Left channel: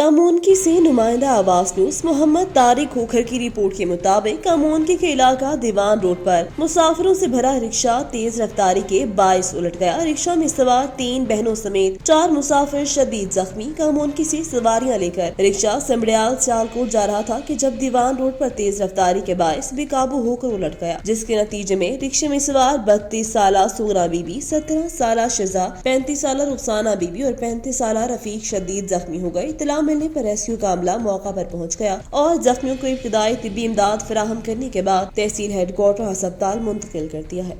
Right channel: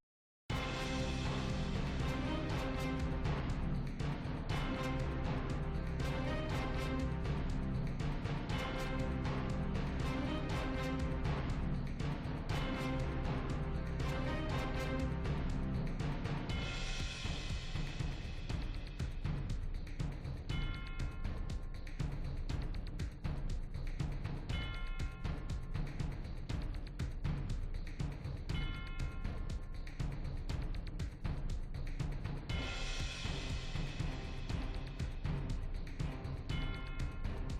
कामोनकी से नुमाइंदा आवाज न्यूज मोहम्मद तारिक खोखर की रिपोर्ट के मुताबिक कामोनकी के इलाका दीवान रोड पर मुसाफिरों से भरा रिक्शा तेज रफ्तारी के बाइस उलट गया। रिक्शा में सवार 3 बहनों समेत 4 मुसाफिर शदीद जख्मी। कामोनकी से सवारियां लेकर रिक्शा समड़ियाल सियालकोट जा रहा था कि जब दीवान रोड पर तेज रफ्तारी के बाइस बेकाबू होकर उलट गया, जिसके नतीजे में रिक्शे में सवार 32 साला सूरा बीबी, 17 साला शिजा, 35 साला रुखसाना बीबी और 35 साला रफीक शदीद जख्मी हो गए। इत्तला मिलने पर रेस्क्यू का अमला मौका पर पहुंच गया और जख्मियों को इब्तिदाई तिब्बी इमदाद फराहम करने के बाद तहसील हेडक्वार्टर अस्पताल मुंतकिल कर दिया है।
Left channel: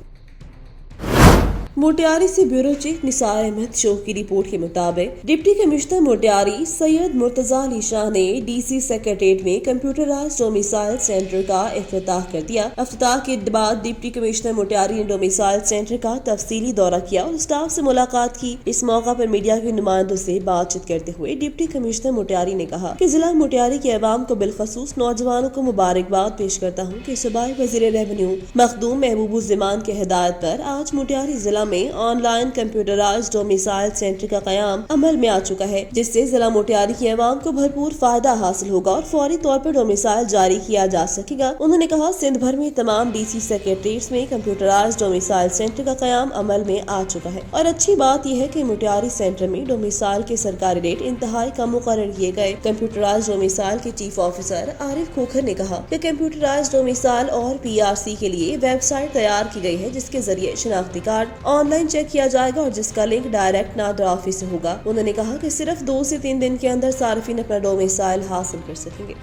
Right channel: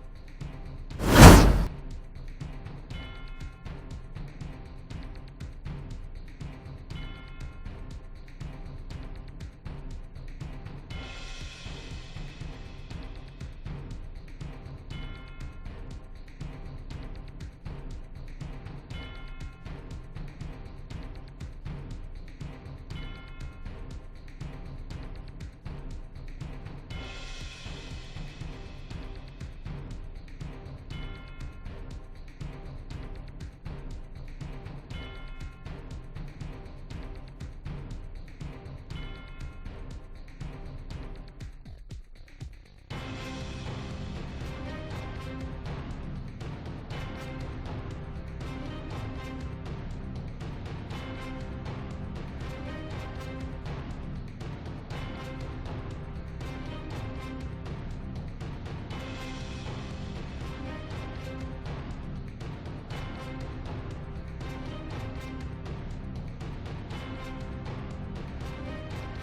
मोटियारी से ब्यूरो चीफ निसार अहमद शोख की रिपोर्ट के मुताबिक डिप्टी कमिश्नर मोटियारी सैयद मुर्तजा अली शाह ने डीसी सेक्रेटेरिएट में कंप्यूटराइज्ड डोमिसाइल सेंटर का इफ्तिताह कर दिया। इफ्तिताह के बाद डिप्टी कमिश्नर मोटियारी ने डोमिसाइल सेंटर का तफसीली दौरा किया और स्टाफ से मुलाकात की। इस मौका पर मीडिया के नुमाइंदों से बातचीत करते हुए डिप्टी कमिश्नर मोटियारी ने कहा कि जिला मोटियारी के अवाम को बिलखसूस नौजवानों को मुबारकबाद पेश करता हूँ कि सूबाई वज़ीर रेवेन्यू मखदूम महबूबुज़्ज़मान के हिदायत पर आज मोटियारी जिला में ऑनलाइन कंप्यूटराइज्ड डोमिसाइल सेंटर का कयाम अमल में आ चुका है, जिससे जिला मोटियारी की आवाम को भरपूर फायदा हासिल होगा और फौरी तौर पर डोमिसाइल जारी किया जा सकेगा। उन्होंने कहा सिंध भर में तमाम डीसी सेक्रेटरीज में कंप्यूटराइज्ड डोमिसाइल सेंटर का कयाम अमल में आ चुका है और अच्छी बात यह है कि मोटियारी सेंटर में डोमिसाइल के सरकारी रेट इंतहाई कम मुकर्रर किए गए। कंप्यूटराइज्ड डोमिसाइल के चीफ ऑफिसर आरिफ खोखर ने कहा कि कंप्यूटराइज्ड डोमिसाइल और PRC के लिए वेबसाइट तैयार की गई है, जिसके जरिए शनाख्ती कार्ड ऑनलाइन चेक किया जाएगा और जिसका लिंक डायरेक्ट नादर ऑफिस से होगा। उन्होंने कहा कि सिर्फ 2 से 3 दिन के अंदर सार्फिन अपना डोमिसाइल हासिल कर सकेंगे।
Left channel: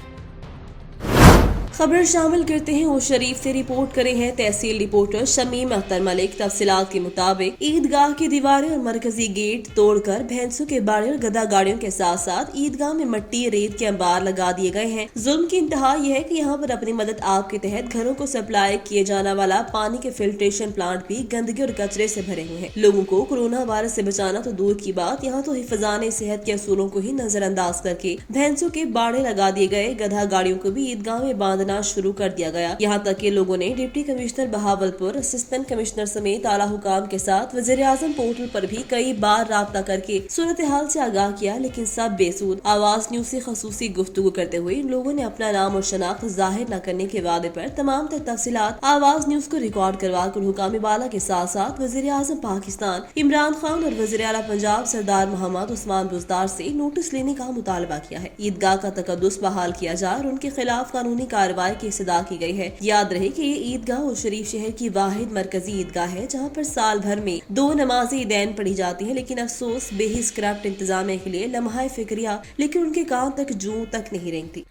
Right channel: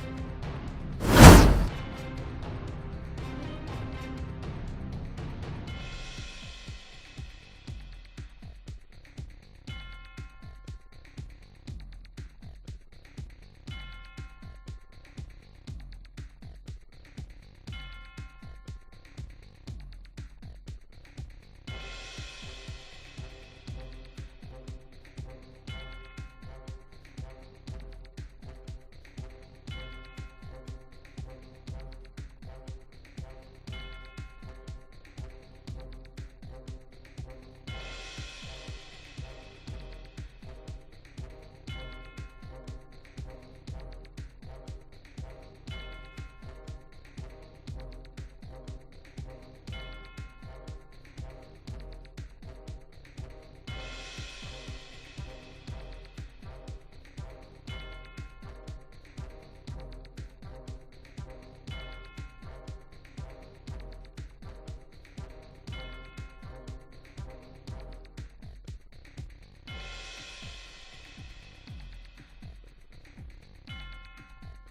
खबर शामिल करते हैं वो शरीफ से रिपोर्ट करे हैं तहसील रिपोर्टर शमीम अख्तर मलिक। तफसीलात के मुताबिक ईदगाह की दीवारें और मरकजी गेट तोड़कर भैंसों के बाड़े और गधा गाड़ियों के साथ साथ ईदगाह में मट्टी रेत के अंबार लगा दिए गए हैं। जुल्म की इंतहा यह है कि यहाँ पर अपनी मदद आप के तहत घरों को सप्लाई किए जाने वाला पानी के फिल्ट्रेशन प्लांट भी गंदगी और कचरे से भरे हुए हैं। लोगों को कोरोना वायरस से बचाना तो दूर की बात, यहाँ तो हिफाजाने सेहत के असूलों को ही नजरअंदाज करके भैंसों के बाड़े लगा दिए गए। गधा गाड़ियों को भी ईदगाह में बांधना शुरू कर दिया गया। यहाँ तक कि लोगों ने deputy commissioner Bahawalpur, assistant commissioner समेत आला हुकाम के साथ वज़ीर आज़म पोर्टल पर भी कई बार राब्ता करके सूरत हाल से आगाह किया, लेकिन सब बेसूद। आवाज न्यूज से खसूसी गुफ्तगू करते हुए इन लोगों ने अपना नाम और शनाख्त जाहिर न करने के वादे पर तमाम तर तफसीलात आवाज न्यूज को रिकॉर्ड करवा कर हुकाम बाला के साथ साथ वज़ीर आज़म पाकिस्तान इमरान खान और वज़ीर आला पंजाब सरदार मोहम्मद उस्मान बुज़दार से नोटिस लेने का मुतालबा किया है। ईदगाह का तकद्दुस बहाल किया जाए और उनके खिलाफ कानूनी कार्रवाई की सदा की गई है। याद रहे कि ये ईदगाह और शरीफ शहर की वाहिद मरकजी ईदगाह है जहाँ पर साल भर में 2 नमाज़ें ईदैन पढ़ी जाती है, लेकिन अफसोस बेहिस करप्ट इंतजामिया के लिए लम्हा फिक्रिया लेकिन उनके कान तक जूं तक नहीं रेंगती।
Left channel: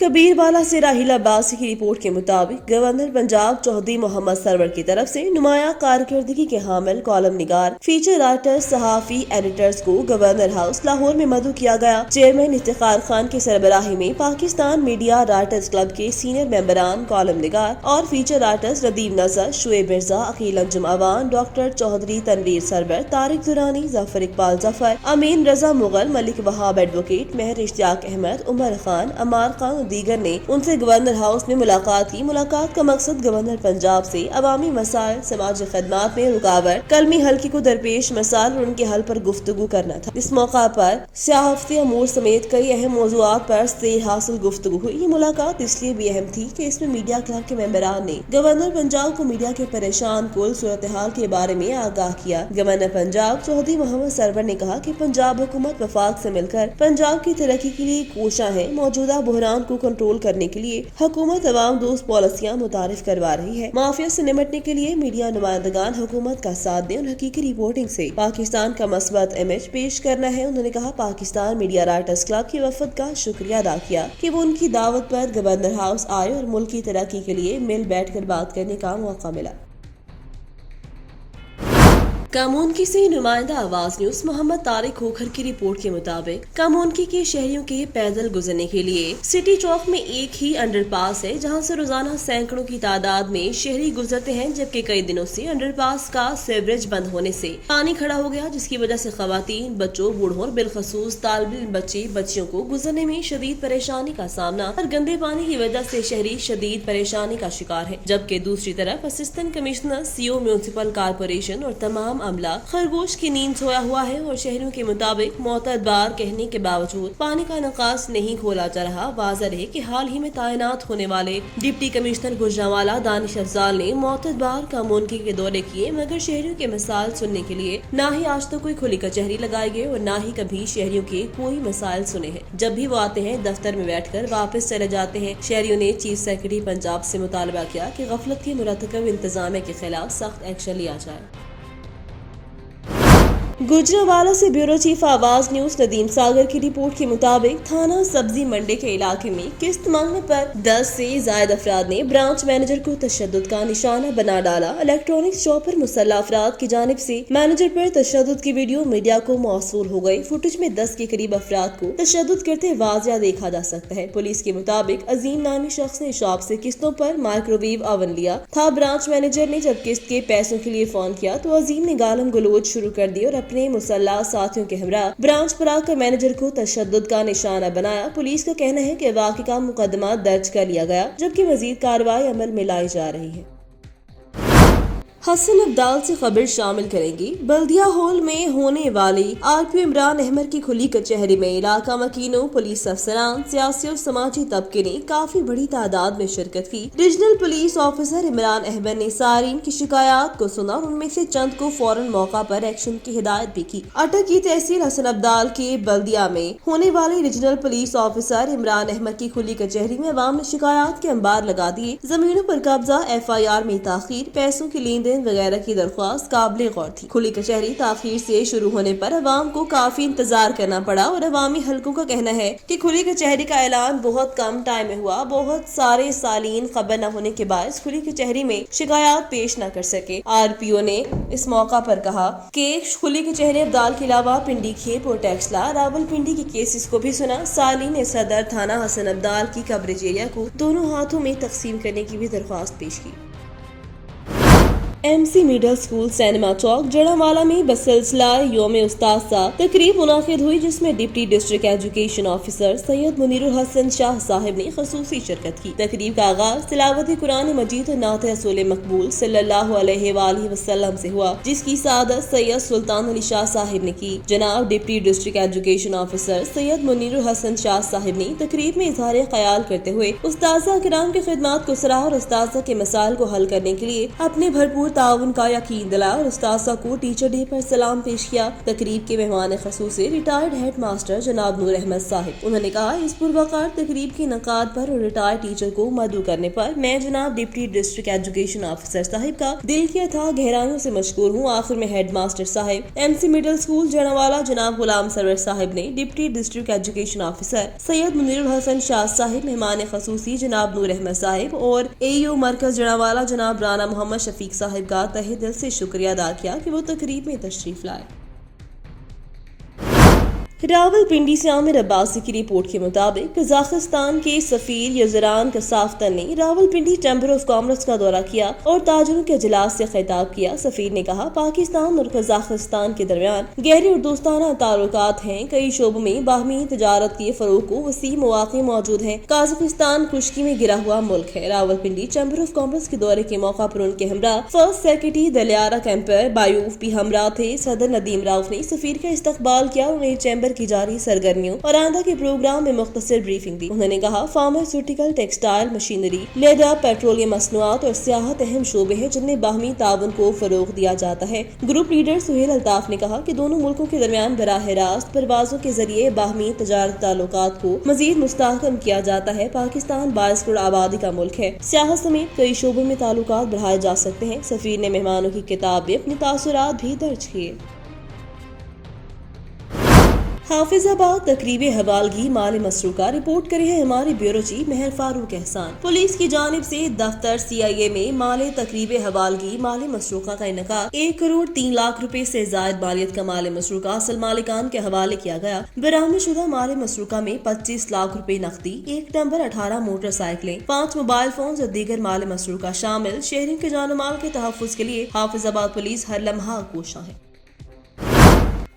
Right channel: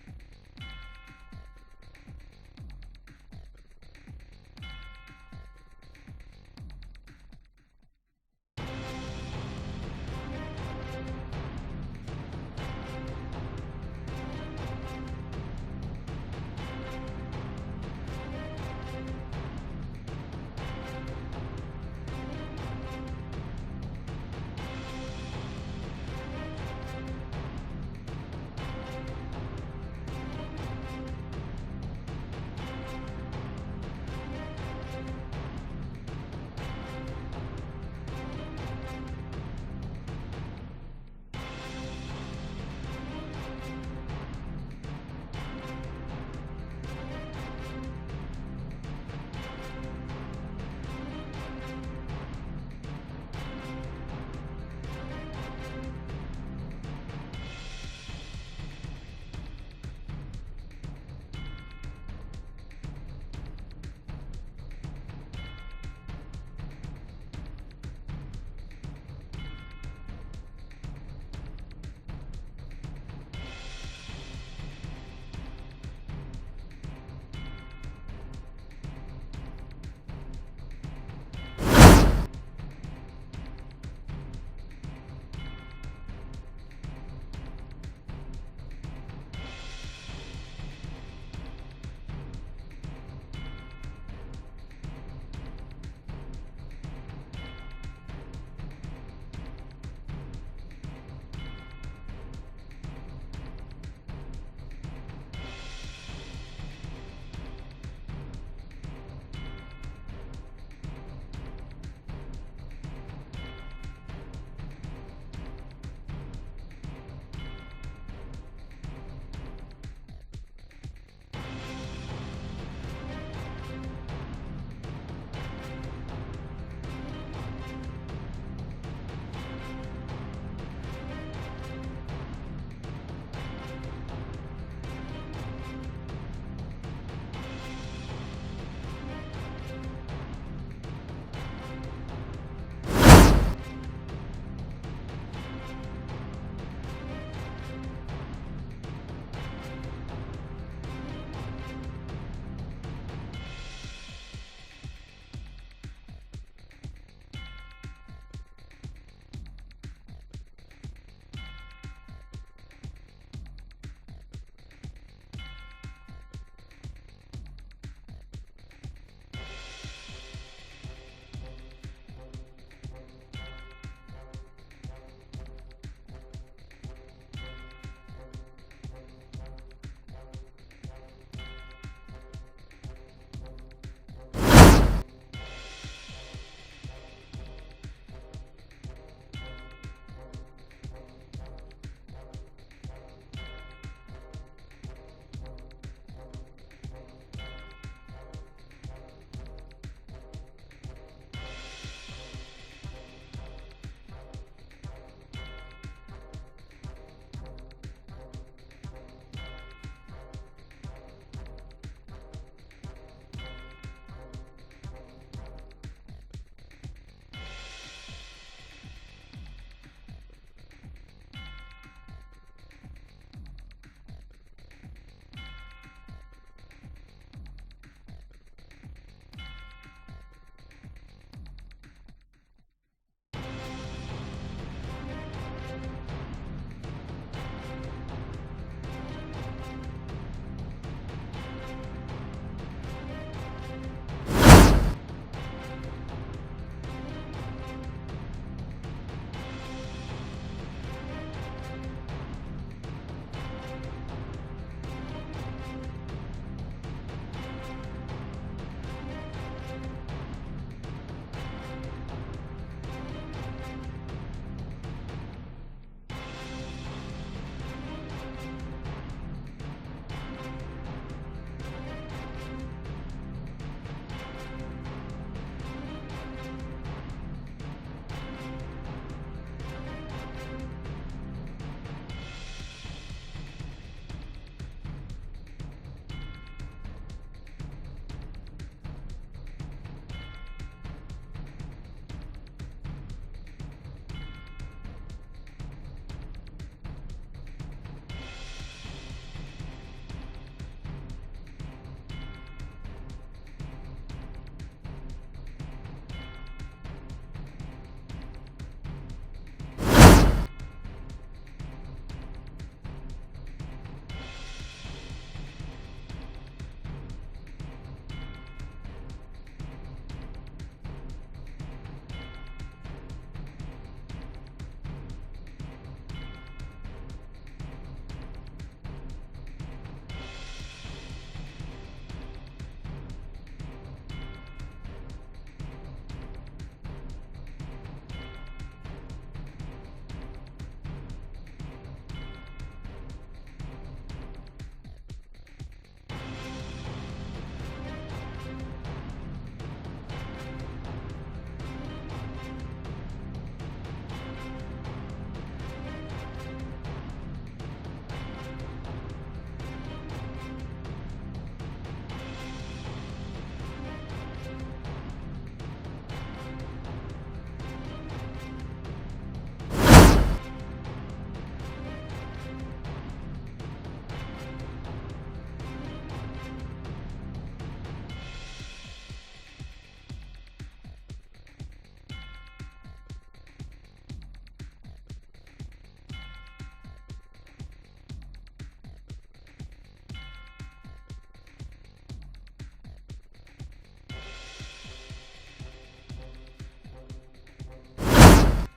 कबीरवाला से राहिल अब्बासी की रिपोर्ट के मुताबिक गवर्नर पंजाब चौधरी मोहम्मद सरवर की तरफ से नुमाया कारकर्दगी के हामिल कॉलम निगार, फीचर राइटर, सहाफी, एडिटर्स को गवर्नर हाउस लाहौर में मदऊ किया गया। चेयरमैन इफ्तिखार खान की सरबराही में पाकिस्तान मीडिया राइटर्स क्लब के सीनियर मेंबरान कॉलम निगार और फीचर राइटर्स रदीम नजर, शुएब मिर्जा, अकील अंजुम अवान, डॉक्टर चौधरी तनवीर सरवर, तारिक दुरानी, जफर इकबाल जफर, अमीन रजा मुगल, मलिक वहाब एडवोकेट, मेहर इश्तियाक अहमद, उमर खान, अमार खान दीगर ने उनसे गवर्नर हाउस में मुलाकात की। मुलाकात का मकसद गवर्नर पंजाब से अवामी मसाइल, समाजी खदमात में रुकावट, कलमी हल्के को दरपेश मसाइल और उनके हल पर गुफ्तगू करना था। इस मौका पर सियाहती अमूर समेत कई अहम मौज़ूआत पर सैर हासिल गुफ्तगू हुई। ये मुलाकात इसलिए भी अहम थी कि इसमें मीडिया क्लब के मेंबरान ने गवर्नर पंजाब को मीडिया के परेशान कुल सूरत हाल के बारे में आगाह किया। गवर्नर पंजाब चौधरी मोहम्मद सरवर ने कहा कि पंजाब हुकूमत वफाक से मिलकर पंजाब की तरक्की के लिए कोशा है। मौजूदा बहरान को कंट्रोल करने के लिए हुकूमत अवाम दोस्त पॉलिसियां मुतारिफ करवा रही है। माफिया से निपटने के लिए मीडिया नुमाइंदगान हुकूमत का साथ दें और हकीकी रिपोर्टिंग से पाकिस्तान का मस्बत इमेज पेश करना है। उन्होंने कहा पाकिस्तान मीडिया राइटर्स क्लब की वफद का शुक्रिया अदा किया कि वो उनकी दावत पर गवर्नर हाउस आए और मुल्क की तरक्की के लिए मिल बैठ कर बात करने का मौका मिला। कामोनकी से नुमाइंदा आवाज न्यूज मोहम्मद तारिक खोखर की रिपोर्ट के मुताबिक कामोनकी के शहरियों के पैदल गुजरने के लिए सिटी चौक में एक ही अंडरपास है, जहां से रोजाना सैकड़ों की तादाद में शहरी गुजरते हैं, जबकि कई दिनों से अंडरपास का सीवरेज बंद होने से पानी खड़ा हो गया, जिसकी वजह से खवातीन, बच्चों, बूढ़ों और बिलखसूस तालिब इल्म बच्चे बच्चियों को गुजरने में शदीद परेशानी का सामना और गंदे पानी की वजह से शहरी शदीद परेशानी का शिकार है। जबकि दूसरी तरफ assistant commissioner, CO municipal corporation और तमाम عام عملہ خرگوش کی نیند سویا ہوا ہے اور شہریوں کے مطابق معتبر بار کہنے کے باوجود پانی کا نکاس نہیں کھولا جا رہا۔ واضح ہے کہ حال ہی میں تعینات ہونے والے ڈپٹی کمشنر گوجرانوالہ دانش افضال نے معتبر بار کا مونکی کے دورے کیے، مگر شہریوں کے مسائل سننے کے لیے نہ ہی آج تک کوئی کھلی کچہری لگائی گئی اور نہ ہی کبھی شہریوں کے کوئی مسائل سنے ہیں۔ جب بھی وہ آتے ہیں دفتر میں بیٹھ کر واپس چلے جاتے ہیں۔ شہریوں نے چیف سیکرٹری پنجاب سے مطالبہ کیا کہ غفلت کے مرتکب انتظامیہ کے خلاف سخت ایکشن لیا جائے۔ گوجرانوالہ سے بیورو چیف آواز نیوز ندیم ساگر کی رپورٹ کے مطابق تھانہ سبزی منڈی کے علاقے میں قسط مانگنے پر 10 سے زائد افراد نے برانچ مینیجر کو تشدد کا نشانہ بنا ڈالا۔ الیکٹرانکس شاپ پر مسلح افراد کی جانب سے مینیجر پر تشدد کی ویڈیو میڈیا کو موصول ہو گئی۔ فوٹیج میں 10 کے قریب افراد کو تشدد کرتے واضح دیکھا جا سکتا ہے۔ پولیس کے مطابق عظیم نامی شخص نے شاپ سے قسطوں پر مائکرو ویو اوون لیا تھا۔ برانچ مینیجر نے جب قسط کے پیسوں کے لیے فون کیا تو عظیم نے گالم گلوچ شروع کر دی اور اپنے مسلح ساتھیوں کے ہمراہ برانچ پر آ کر مینیجر کو تشدد کا نشانہ بنایا۔ پولیس کا کہنا ہے کہ واقعے کا مقدمہ درج کر لیا گیا، جبکہ مزید کارروائی عمل میں لائی جا رہی ہے۔ حسن عبدال سے خبر شامل کریں گی۔ بلدیہ ہال میں ہونے والی RPO عمران احمد کی کھلی کچہری میں علاقہ مکینوں، پولیس افسران، سیاسی اور سماجی طبقے نے کافی بڑی تعداد میں شرکت کی۔ Regional police officer Imran Ahmed نے صارفین کی شکایات کو سنا اور ان میں سے چند کو فوراً موقع پر ایکشن کی ہدایت بھی کی۔ اٹک کی تحصیل حسن عبدال کے بلدیہ میں ہونے والی regional police officer Imran Ahmed کی کھلی کچہری میں عوام نے شکایات کے انبار لگا دیے۔ زمینوں پر قبضہ، FIR میں تاخیر، پیسوں کی لین دین وغیرہ کی درخواست قابل غور تھی۔ کھلی کچہری تاخیر سے شروع ہونے پر عوام کو کافی انتظار کرنا پڑا اور عوامی حلقوں کا کہنا ہے کہ کھلی کچہری کا اعلان بہت کم ٹائم میں ہوا۔ بہت سارے سالین خبر نہ ہونے کے باعث کھلی کچہری میں شکایات پیش نہ کر سکے۔ RPO نے اس موقع پر کہا کہ کھلی کچہری عبدال کے علاوہ پنڈی کھیپ اور ٹیکسلا راول پنڈی کے کیسز کو بھی سنا۔ سالین نے صدر تھانہ حسن عبدال کی کوریج ایریا کو دونوں ہاتھوں میں تقسیم کرنے کی بھی درخواست پیش کی۔ MC مڈل اسکول سینما چوک جڑانوالہ میں بسلسلہ یوم استاذہ تقریب منعقد ہوئی، جس میں ڈپٹی ڈسٹرکٹ ایجوکیشن آفیسر سید منیر الحسن شاہ صاحب نے خصوصی شرکت کی۔ تقریب کا آغاز تلاوت قرآن مجید اور نعت رسول مقبول صلی اللہ علیہ وآلہ وسلم سے ہوا، جس کی سعادت سید سلطان علی شاہ صاحب نے کی۔ جناب ڈپٹی ڈسٹرکٹ ایجوکیشن آفیسر سید منیر الحسن شاہ صاحب نے تقریب میں اظہار خیال کرتے ہوئے استاذہ کرام کی خدمات کو سراہا اور استاذہ کے مسائل کو حل کرنے کے لیے اپنے بھرپور تعاون کا یقین دلایا اور استاذہ کو ٹیچر ڈے پر سلام پیش کیا۔ تقریب کے مہمان خصوصی ریٹائرڈ ہیڈ ماسٹر جناب نور احمد صاحب، انہوں نے کہا اس پروقار تقریب کے انعقاد پر اور ریٹائرڈ ٹیچر کو مدعو کرنے پر میں جناب ڈپٹی ڈسٹرکٹ ایجوکیشن آفیسر صاحب کا دل کی اتھاہ گہرائیوں سے مشکور ہوں۔ آخر میں ہیڈ ماسٹر صاحب MC مڈل اسکول جڑانوالہ جناب غلام سرور صاحب نے ڈپٹی ڈسٹرکٹ ایجوکیشن آفیسر سید منیر الحسن شاہ صاحب، مہمان خصوصی جناب نور احمد صاحب اور AEO مرکز جڑانوالہ جناب رانا محمد شفیق صاحب کا تہہ دل سے شکریہ ادا کیا کہ وہ تقریب میں تشریف لائے۔ راول پنڈی سے عامر عباسی کی رپورٹ کے مطابق قزاقستان کے سفیر یزران کسافتن نے Rawal Pindi chamber of commerce کا دورہ کیا اور تاجروں کے اجلاس سے خطاب کیا۔ سفیر نے کہا پاکستان اور قزاقستان کے درمیان گہرے اور دوستانہ تعلقات ہیں، کئی شعبوں میں باہمی تجارت کے فروغ کو وسیع مواقع موجود ہیں۔ قازقستان خشکی میں گرا ہوا ملک ہے۔ Rawal Pindi chamber of commerce کے دورے کے موقع پر ان کے ہمراہ فرسٹ سیکرٹری دلیارا کیمپر بایوف بھی ہمراہ تھے۔ صدر ندیم راؤف نے سفیر کا استقبال کیا اور انہیں چیمبر کی جاری سرگرمیوں اور آئندہ کے پروگرام میں مختصر بریفنگ دی۔ انہوں نے کہا pharmaceutical, textile, machinery, leather, petroleum مصنوعات اور سیاحت اہم شعبے ہیں جن میں باہمی تعاون کو فروغ دیا جاتا ہے۔ گروپ لیڈر سہیل الطاف نے کہا کہ دونوں ملکوں کے درمیان براہ راست پروازوں کے ذریعے باہمی تجارتی تعلقات کو مزید مستحکم کیا جاتا ہے۔ پاکستان 22 کروڑ آبادی کا ملک ہے، سیاحت سمیت کئی شعبوں میں تعلقات بڑھائے جا سکتے ہیں۔ سفیر نے مہمانوں کی کتاب میں اپنے تاثرات بھی درج کیے۔ حافظ آباد تقریب حوالگی مال مسروقہ رپورٹ کرے ہیں ہمارے بیورو چیف مہر فاروق احسان۔ پولیس کی جانب سے دفتر CIA میں مال تقریب حوالگی مال مسروقہ کا انعقاد 1 کروڑ 3 لاکھ روپے سے زائد مالیت کا مال مسروقہ اصل مالکان کے حوالے کیا گیا۔ برآمد شدہ مال مسروقہ میں 25 لاکھ روپے نقدی، 1 ٹمبر 18 موٹر سائیکلیں، 5 موبائل فونز اور دیگر مال مسروقہ شامل۔ شہریوں کے جان و مال کے تحفظ کے لیے حافظ آباد پولیس ہر لمحہ کوشاں ہے۔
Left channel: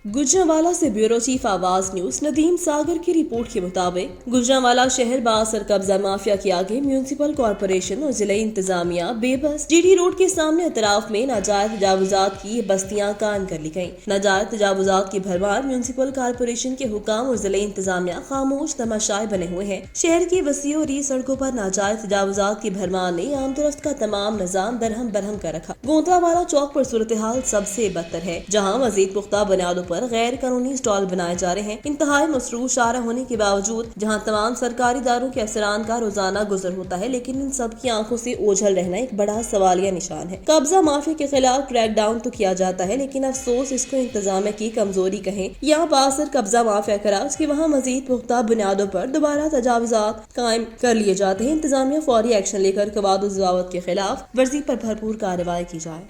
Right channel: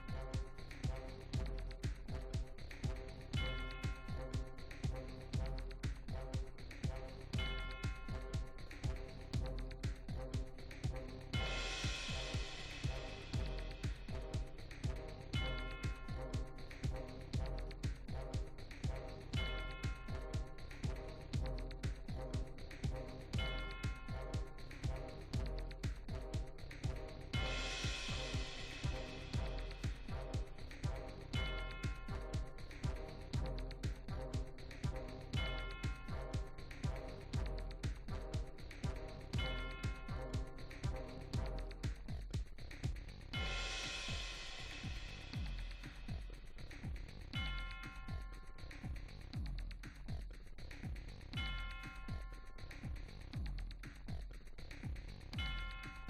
गुजरांवाला से ब्यूरो चीफ आवाज न्यूज नदीम सागर की रिपोर्ट के मुताबिक गुजरांवाला शहर बासर कब्जा माफिया के आगे म्यूनिसिपल कॉरपोरेशन और जिले इंतजामिया बेबस जीडी रोड के सामने अतराफ में नाजायज तजावुजात की बस्तियां कायम कर ली गयी। नाजायज तजावुजात की भरमार म्यूनिसिपल कॉरपोरेशन के हुकाम और जिले इंतजामिया खामोश तमाशाए बने हुए हैं। शहर की वसी और ई सड़कों पर नाजायज तजावुजात की भरमार ने आम दुरुस्त का तमाम निजाम दरहम बरहम कर रखा। गोंदवाला चौक पर सूरत हाल सबसे बदतर है, जहाँ मजीद पुख्ता बुनियादों पर गैर कानूनी स्टॉल बनाए जा रहे हैं। इंतहाई मसरूफ शारा होने के बावजूद जहां तमाम सरकारी इदारों के अफसरान का रोजाना गुजर होता है, लेकिन इन सब की आंखों से ओझल रहना एक बड़ा सवालिया निशान है। कब्जा माफिया के खिलाफ क्रैक डाउन तो किया जाता है, लेकिन अफसोस इसको इंतजामिया की कमजोरी कहें या बासर कब्जा माफिया कराज की वहाँ मजीद पुख्ता बुनियादों पर दोबारा तजावुजात कायम कर लिए जाते हैं। इंतजामिया फौरी एक्शन लेकर कवाद के खिलाफ वर्जी पर भरपूर कार्रवाई की जाए।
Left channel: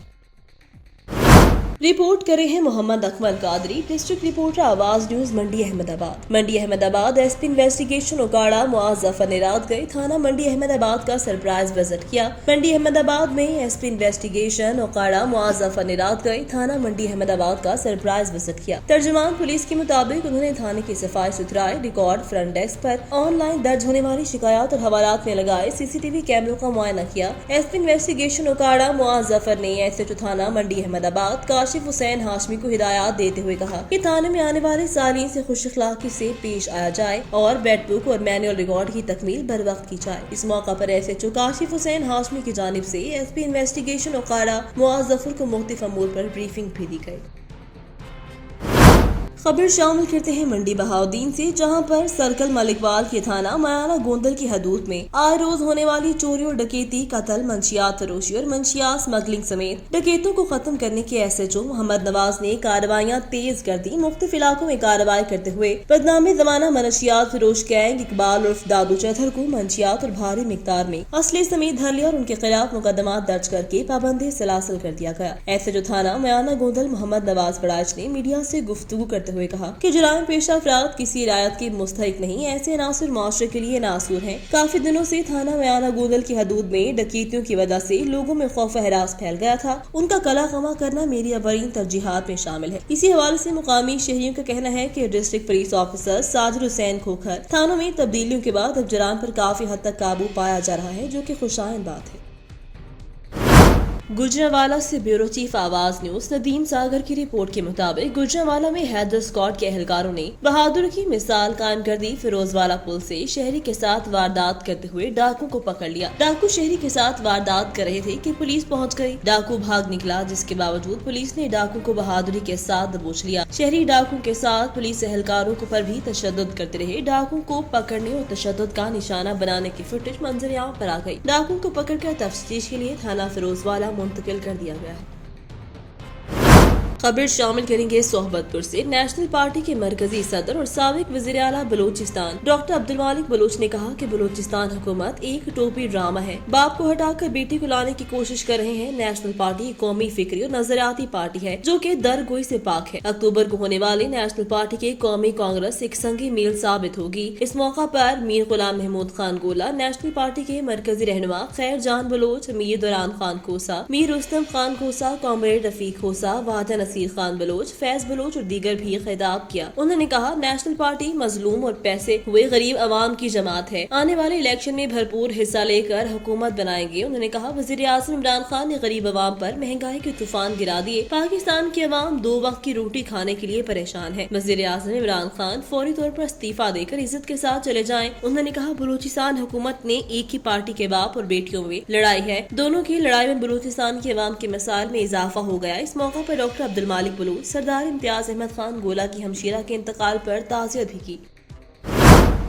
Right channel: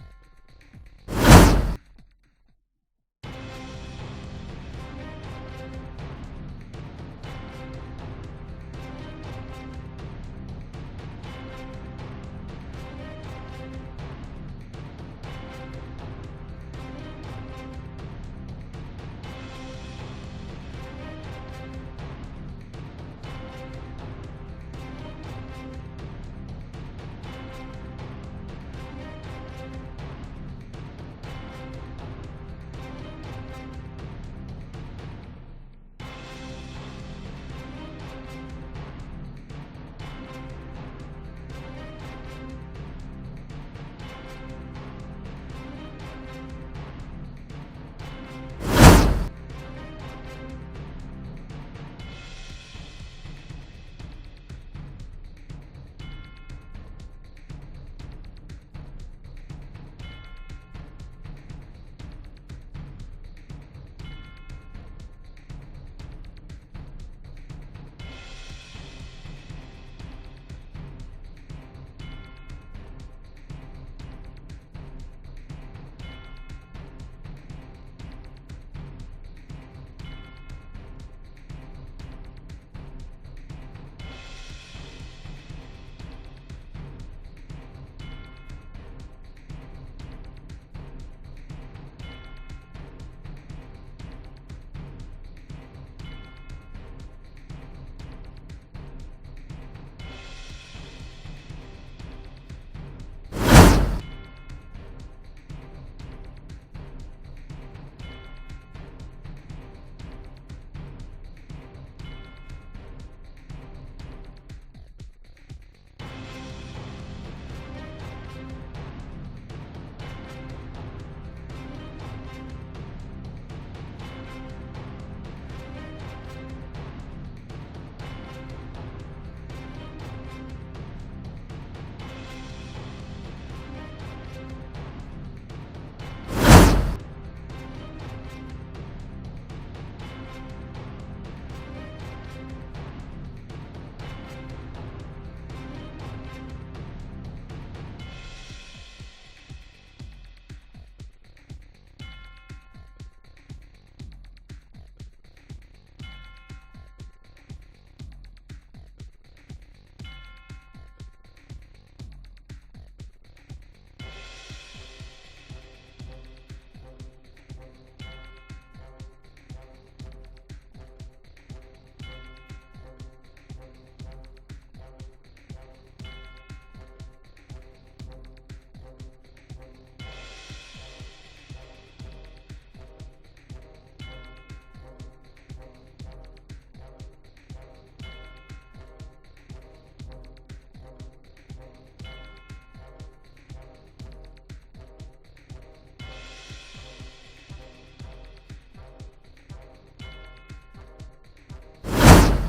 रिपोर्ट करे हैं मोहम्मद अकमल कादरी, डिस्ट्रिक्ट रिपोर्टर आवाज न्यूज मंडी अहमदाबाद। मंडी अहमदाबाद एसपी इन्वेस्टिगेशन उकाड़ा मुआज जफर ने रात गए थाना मंडी अहमदाबाद का सरप्राइज विजिट किया। मंडी अहमदाबाद में एसपी इन्वेस्टिगेशन उकाड़ा मुआज जफर ने रात गए थाना मंडी अहमदाबाद का सरप्राइज विजिट किया। तर्जुमान पुलिस के मुताबिक उन्होंने थाने की सफाई सुथराई रिकॉर्ड फ्रंट डेस्क पर ऑनलाइन दर्ज होने वाली शिकायत और हवालात में लगाए सीसीटीवी कैमरों का मुआयना किया। एसपी इन्वेस्टिगेशन उकाड़ा मुआज जफर ने एसएचओ थाना मंडी अहमदाबाद काशिफ हुसैन हाशमी को हिदायत देते हुए कहा कि थाने में आने वाले सालीन से खुश अखलाकी से पेश आया जाए और बेड बुक और मैनुअल रिकॉर्ड की तकमील बर वक्त की जाए। इस मौका पर एसएचओ काशिफ हुसैन हाशमी की जानिब से एसपी इन्वेस्टिगेशन उकाड़ा मुआज जफर को मुख्तलिफ अमूर पर ब्रीफिंग भी दी गई। खबर शामिल करते हैं मंडी बहाउद्दीन से, जहां पर सर्कल मलिकवाल के थाना मयाना गोंदल की हदूद में आए रोज होने वाली चोरी और डकैती, कत्ल, मंशियात फरोशी और मंशियात स्मगलिंग समेत डकैतों को खत्म करने के एसएचओ मोहम्मद नवाज ने कार्रवाइयां तेज कर दी। मुख्तलिफ इलाकों में कार्रवाई करते हुए बदनामे जमाना मंशियात फरोश गैंग इकबाल उर्फ दादू चौधर को मंशियात और भारी मिकदार में असले समेत धर लिया और उनके खिलाफ मुकदमा दर्ज करके पाबंदी सलासल कर दिया गया। एसएचओ थाना मयाना गोंदल मोहम्मद नवाज बड़ाच ने मीडिया से गुफ्तगू करते हुए कहा कि जुराम पेशा अफराद किसी रियायत के मुस्तहिक नहीं, ऐसे अनासर माशरे के लिए नासूर हैं। काफी दिनों से थाना मयाना गोंदल की हदूद में डकैतियों की वजह से लोगों में खौफ हरास फैल गया था। उनका कला कमा करना मेरी अवरीन तरजीहात में शामिल है। इसी हवाले से मुकामी शहरियों का कहना है कि district police officer Sajid Hussain Khokhar थानों में तब्दीलियों के बाद अब जुराम पर काफी हद तक काबू पाया जा रहा है, जो कि खुशाइन बात है। गुजरांवाला से ब्यूरो चीफ आवाज न्यूज नदीम सागर की रिपोर्ट के मुताबिक गुजरांवाला में हैदर स्क्वाड के एहलकारों ने बहादुर की मिसाल कायम कर दी। फिरोजवाला पुल से शहरी के साथ वारदात करते हुए डाकू को पकड़ लिया। डाकू शहरी के साथ वारदात कर रहे थे कि पुलिस पहुंच गई। डाकू भाग निकला, जिसके बावजूद पुलिस ने डाकू को बहादुरी के साथ दबोच लिया। शहरी डाकू के साथ पुलिस एहलकारों को पर भी तशद्दुद करते रहे। डाकू को पकड़ने और तशद्दुद का निशाना बनाने की फुटेज मंजर-ए-आम पर आ गई। डाकू को पकड़कर तफ्तीश के लिए थाना फिरोजवाला मुंतकिल कर दिया गया है। खबर शामिल करेंगे सोहबतपुर से। नेशनल पार्टी के मरकजी सदर और साबिक वज़ीर आला बलूचिस्तान डॉक्टर अब्दुल मालिक बलूच ने कहा कि बलूचिस्तान हुकूमत एक टोपी ड्रामा है, बाप को हटाकर बेटी को लाने की कोशिश कर रहे हैं। नेशनल पार्टी कौमी फिक्री और नजरियाती पार्टी है जो कि दरगोई से पाक है। अक्टूबर को होने वाली नेशनल पार्टी के कौमी कांग्रेस एक संगी मील साबित होगी। इस मौका पर मीर गुलाम महमूद खान गोला, नेशनल पार्टी के मरकजी रहनुमा खैर जान बलोच, मीर दुरान खान खोसा, मीर रुस्तम खान खोसा, कॉमरेड रफीक खोसा, वाजा नसीर खान बलोच, फैज बलोच और दीगर भी खिताब किया। उन्होंने कहा नेशनल पार्टी मजलूम और पैसे हुए गरीब अवाम की जमात है, आने वाले इलेक्शन में भरपूर हिस्सा लेकर हुकूमत बनाएंगे। उन्होंने कहा वज़ीर आज़म इमरान खान ने गरीब अवाम पर महंगाई के तूफान गिरा दिए। पाकिस्तान की अवाम 2 वक्त की रोटी खाने के लिए परेशान है। वज़ीर आज़म इमरान खान फौरी तौर पर इस्तीफा देकर इज्जत के साथ चले जाएं। उन्होंने कहा बलूचिस्तान हुकूमत ने एक ही पार्टी के बाप और बेटियों में लड़ाई है, दोनों की लड़ाई में बलूचिस्तान की अवाम के मिसाल में इजाफा हो गया। इस मौका पर डॉक्टर अब्दुल मालिक बलूच, सरदार इम्तियाज अहमद खान गोला की हमशीरा के इंतकाल पर ताज़ियत भी की।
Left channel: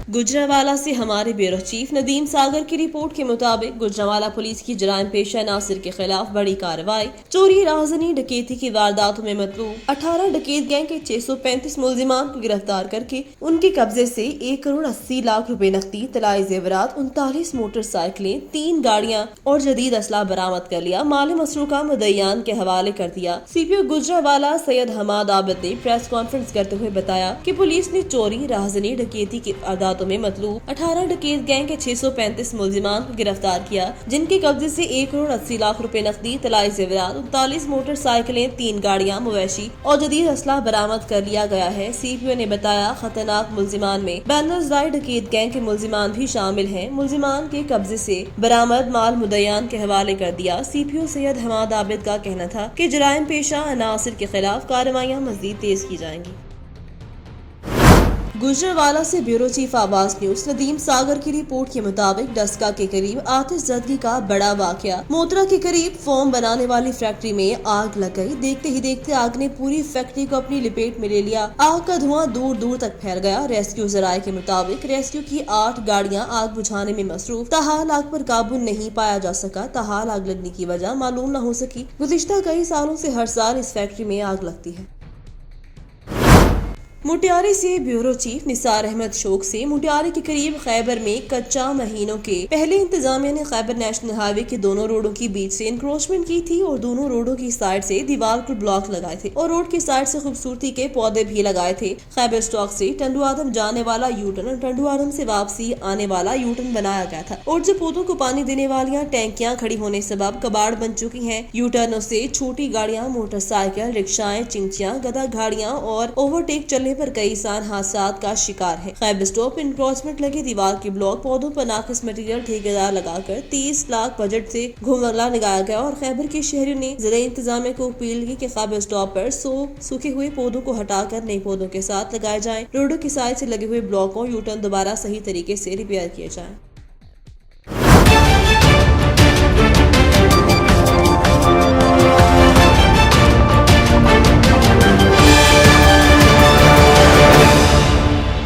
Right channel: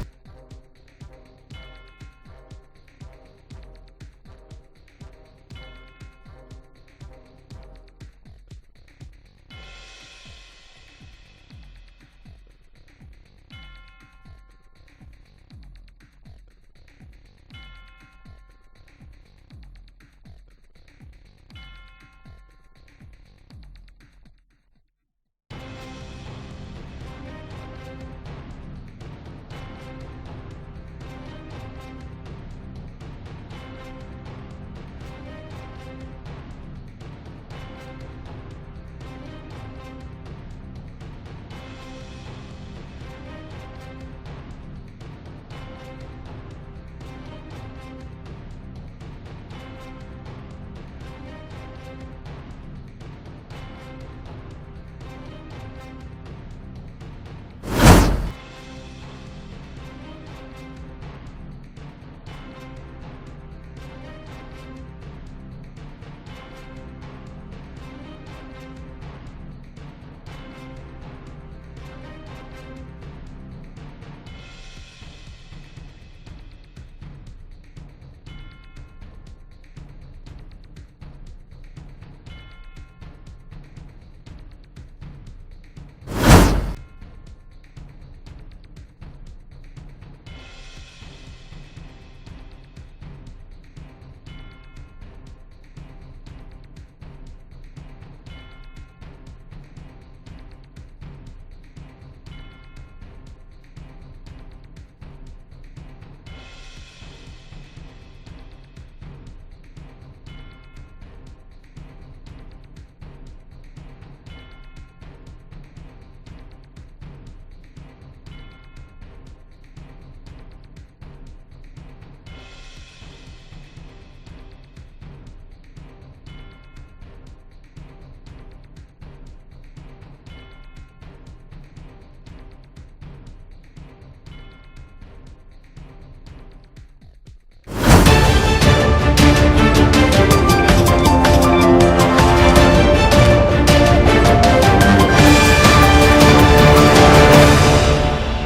गुजरांवाला से हमारे ब्यूरो चीफ नदीम सागर की रिपोर्ट के मुताबिक गुजरांवाला पुलिस की जराइम पेशा नासिर के खिलाफ बड़ी कार्रवाई। चोरी, राहजनी, डकैती की वारदातों में मतलूब 18 डकैत गैंग के 635 मुलजिमान को गिरफ्तार करके उनके कब्जे से 1 करोड़ 80 लाख रुपए नकदी, तलाई जेवरात, 39 मोटरसाइकिलें, 3 गाड़ियां और जदीद असला बरामद कर लिया। माली मसरूका मुद्दईयान के हवाले कर दिया। सीपीओ गुजरांवाला सैयद हमाद आबिद ने प्रेस कॉन्फ्रेंस करते हुए बताया कि पुलिस ने चोरी, राहजनी, डकैती की वारदातों में मतलूब 18 डकैत गैंग के 635 मुलजिमान को गिरफ्तार किया, जिनके कब्जे से 1 करोड़ 80 लाख रुपए नकदी, तलाई जेवरात, 39 मोटरसाइकिलें, 3 गाड़ियां, मवेशी और जदीद असला बरामद कर लिया गया है। CPO ने बताया खतरनाक मुलजिमान में बैनर्सराय डकैत गैंग के मुलजिमान भी शामिल हैं। मुलजिमान के कब्जे से बरामद माल मुद्दईयान के हवाले कर दिया। CPO सैयद हमाद आबिद का कहना था कि जराइम पेशा अनासिर के खिलाफ कार्रवाइयां मजीद तेज की जाएंगी। गुजरांवाला से ब्यूरो चीफ आवाज न्यूज। नदीम सागर की रिपोर्ट के मुताबिक डस्का के करीब आतिश ज़दगी का बड़ा वाकया। मोतरा के करीब फोम बनाने वाली फैक्ट्री में आग लग गई। देखते ही देखते आग ने पूरी फैक्ट्री को अपनी लपेट में ले लिया। आग का धुआं दूर दूर तक फैल गया। रेस्क्यू जराये के मुताबिक रेस्क्यू की 8 गाड़ियां आग बुझाने में मसरूफ, ताहाल आग पर काबू नहीं पाया जा सका। ताहाल आग लगने की वजह मालूम न हो सकी। गुज़िश्ता कई सालों से हर साल इस फैक्ट्री में आग लगती है। मुटियारी से ब्यूरो चीफ निसार अहमद शोक से मुटियारी के करीब खैबर में कच्चा महीनों के पहले इंतजामिया ने खैबर नेशनल हाईवे के दोनों रोडों के बीच से इंक्रोचमेंट की थी और दोनों रोडों की साइड से दीवार को ब्लॉक लगाए थे और रोड की साइड से खूबसूरती के पौधे भी लगाए थे। खैबर स्टॉक से टंडू आदम जाने वाला यूटर्न और टंडू आदम से वापसी आने वाला यूटर्न बनाया गया था और जो पौधों को पानी देने वाली टैंकियां खड़ी होने सबब कबाड़ बन चुकी हैं। यूटर्नों से छोटी गाड़ियां, मोटरसाइकिल, रिक्शाएं, चिंचियां, गधा गाड़ियां और ओवरटेक चलने पर कई इंसान हादसात का शिकार है। खैबर स्टॉप इंक्रोचमेंट लगे दीवार के ब्लॉक पौधों पर नाकिस मटेरियल ठेकेदार लगाकर 30 लाख बजट से घुमला लगाया गया और खैबर के शहरियों ने जिला इंतजामिया को अपील की कि खैबर स्टॉप पर सूखे हुए पौधों को हटाकर नए पौधों के साथ लगाए जाएं। रोडों की साइड से लगे हुए ब्लॉकों यूटर्न दोबारा सही तरीके से रिपेयर किए जाएं।